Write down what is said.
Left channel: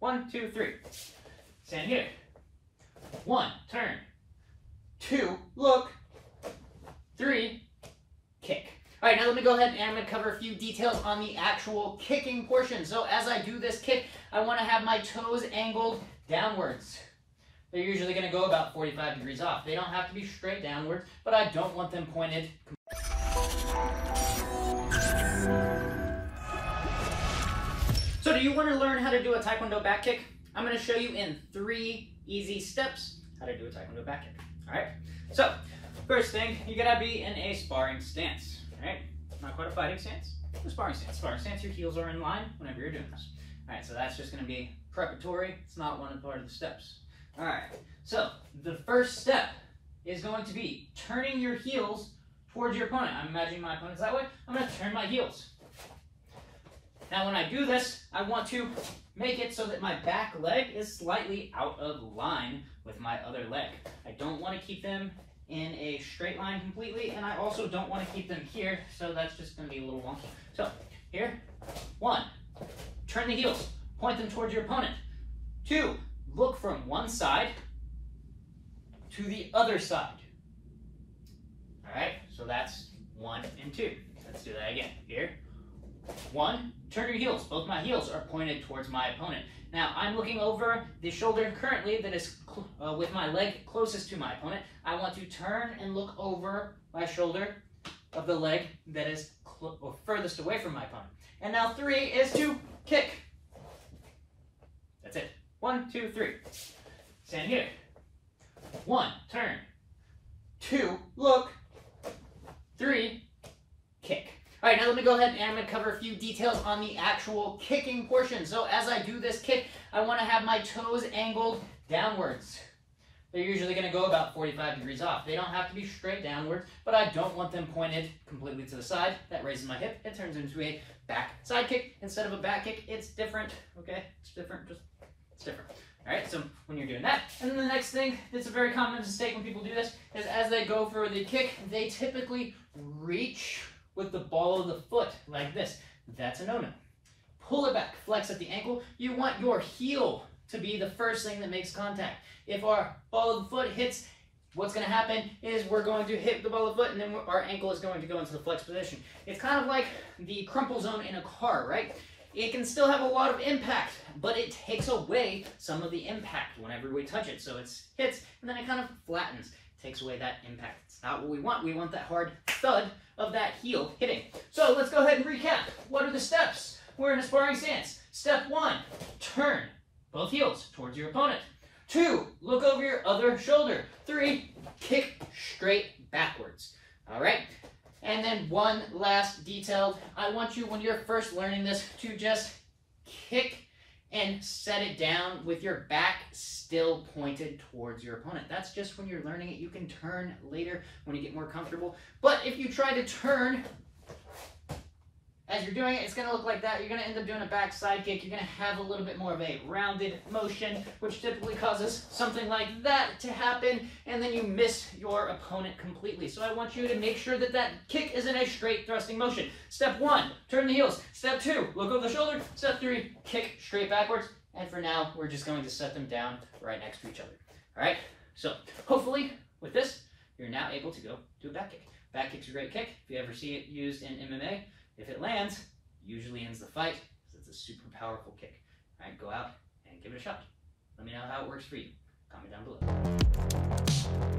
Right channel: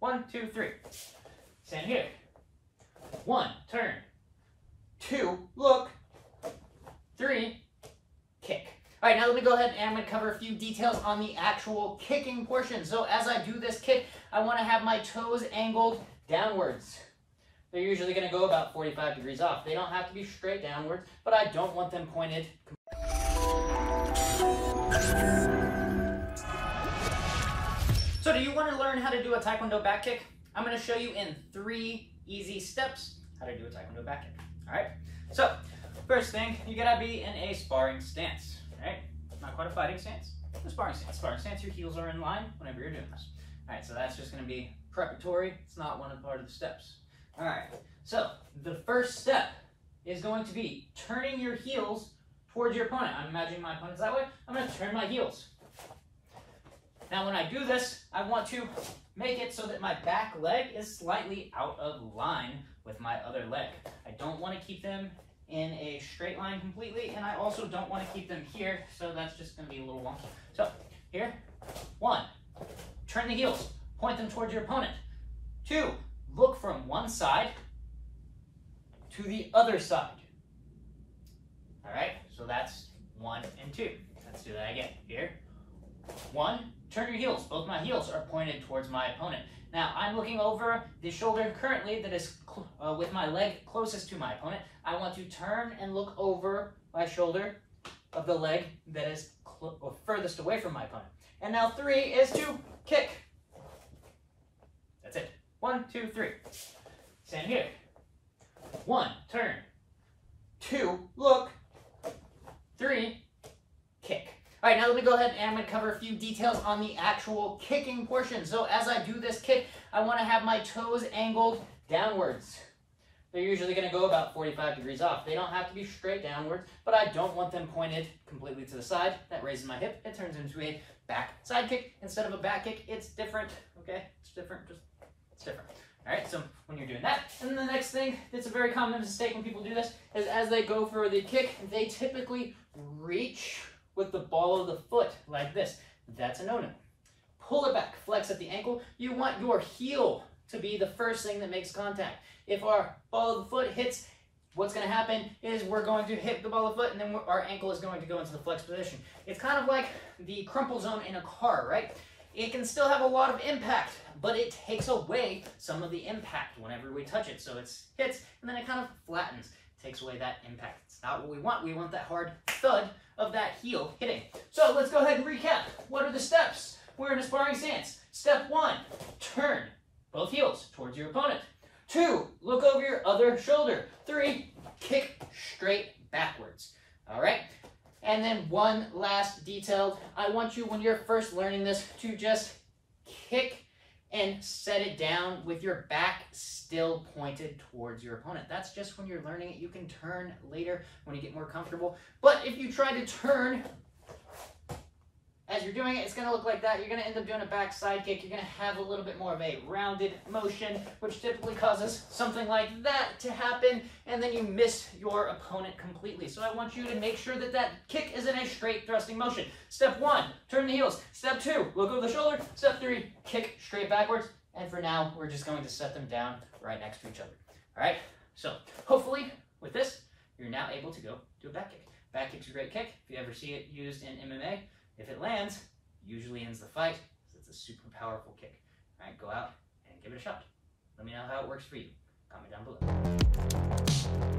1, 2, 3. Stand here. 1, turn. 2, look. 3, kick. All right, now let me go ahead and I'm going to cover a few details on the actual kicking portion. So as I do this kick, I want to have my toes angled downwards. They're usually going to go about 45 degrees off. They don't have to be straight downwards, but I don't want them pointed. So do you want to learn how to do a Taekwondo back kick? I'm going to show you in 3 easy steps how to do a Taekwondo back kick. All right, so first thing, you got to be in a sparring stance. All right, not quite a fighting stance, a sparring stance. Sparring stance, your heels are in line whenever you're doing this. All right, so that's just going to be preparatory. It's not one part of the steps. All right, so the first step is going to be turning your heels towards your opponent. I'm imagining my opponent's that way. I'm going to turn my heels. Now when I do this, I want to make it so that my back leg is slightly out of line with my other leg. I don't want to keep them in a straight line completely, and I also don't want to keep them here, so that's just going to be a little wonky. So here, 1, turn the heels, point them towards your opponent. 2, look from one side to the other side. All right, so that's 1 and 2. Let's do that again. Here, 1, turn your heels. Both my heels are pointed towards my opponent. Now, I'm looking over the shoulder currently that is with my leg closest to my opponent. I want to turn and look over my shoulder of the leg that is furthest away from my opponent. And now 3 is to kick. That's it. 1, 2, 3. Stand here. 1, turn. 2, look. 3, kick. All right, now let me go ahead and I'm going to cover a few details on the actual kicking portion. So as I do this kick, I want to have my toes angled downwards. They're usually going to go about 45 degrees off. They don't have to be straight downwards, but I don't want them pointed completely to the side. That raises my hip. It turns into a back side kick. Instead of a back kick, it's different, okay? It's different, it's different. All right, so when you're doing that, and then the next thing that's a very common mistake when people do this is as they go for the kick, they typically reach with the ball of the foot like this. That's a no-no. Pull it back, flex at the ankle. You want your heel to be the first thing that makes contact. If our ball of the foot hits, what's going to happen is we're going to hit the ball of the foot and then our ankle is going to go into the flex position. It's kind of like the crumple zone in a car, right? It can still have a lot of impact, but it takes away some of the impact whenever we touch it. So it hits and then it kind of flattens, takes away that impact. It's not what we want. We want that hard thud of that heel hitting. So let's go ahead and recap. What are the steps? We're in a sparring stance. Step 1, turn both heels towards your opponent. 2, look over your other shoulder. 3, kick straight backwards. All right? And then one last detail. I want you, when you're first learning this, to just kick and set it down with your back still pointed towards your opponent. That's just when you're learning it. You can turn later when you get more comfortable. But if you try to turn as you're doing it, it's going to look like that. You're going to end up doing a back side kick. You're going to have a little bit more of a rounded motion, which typically causes something like that to happen, and then you miss your opponent completely. So I want you to make sure that that kick is in a straight thrusting motion. Step 1, turn the heels. Step 2, look over the shoulder. Step 3, kick straight backwards. And for now, we're just going to set them down right next to each other. All right? So hopefully with this, you're now able to go do a back kick. Back kick's a great kick. If you ever see it used in MMA, if it lands, it usually ends the fight because it's a super powerful kick. All right, go out and give it a shot. Let me know how it works for you. Comment down below.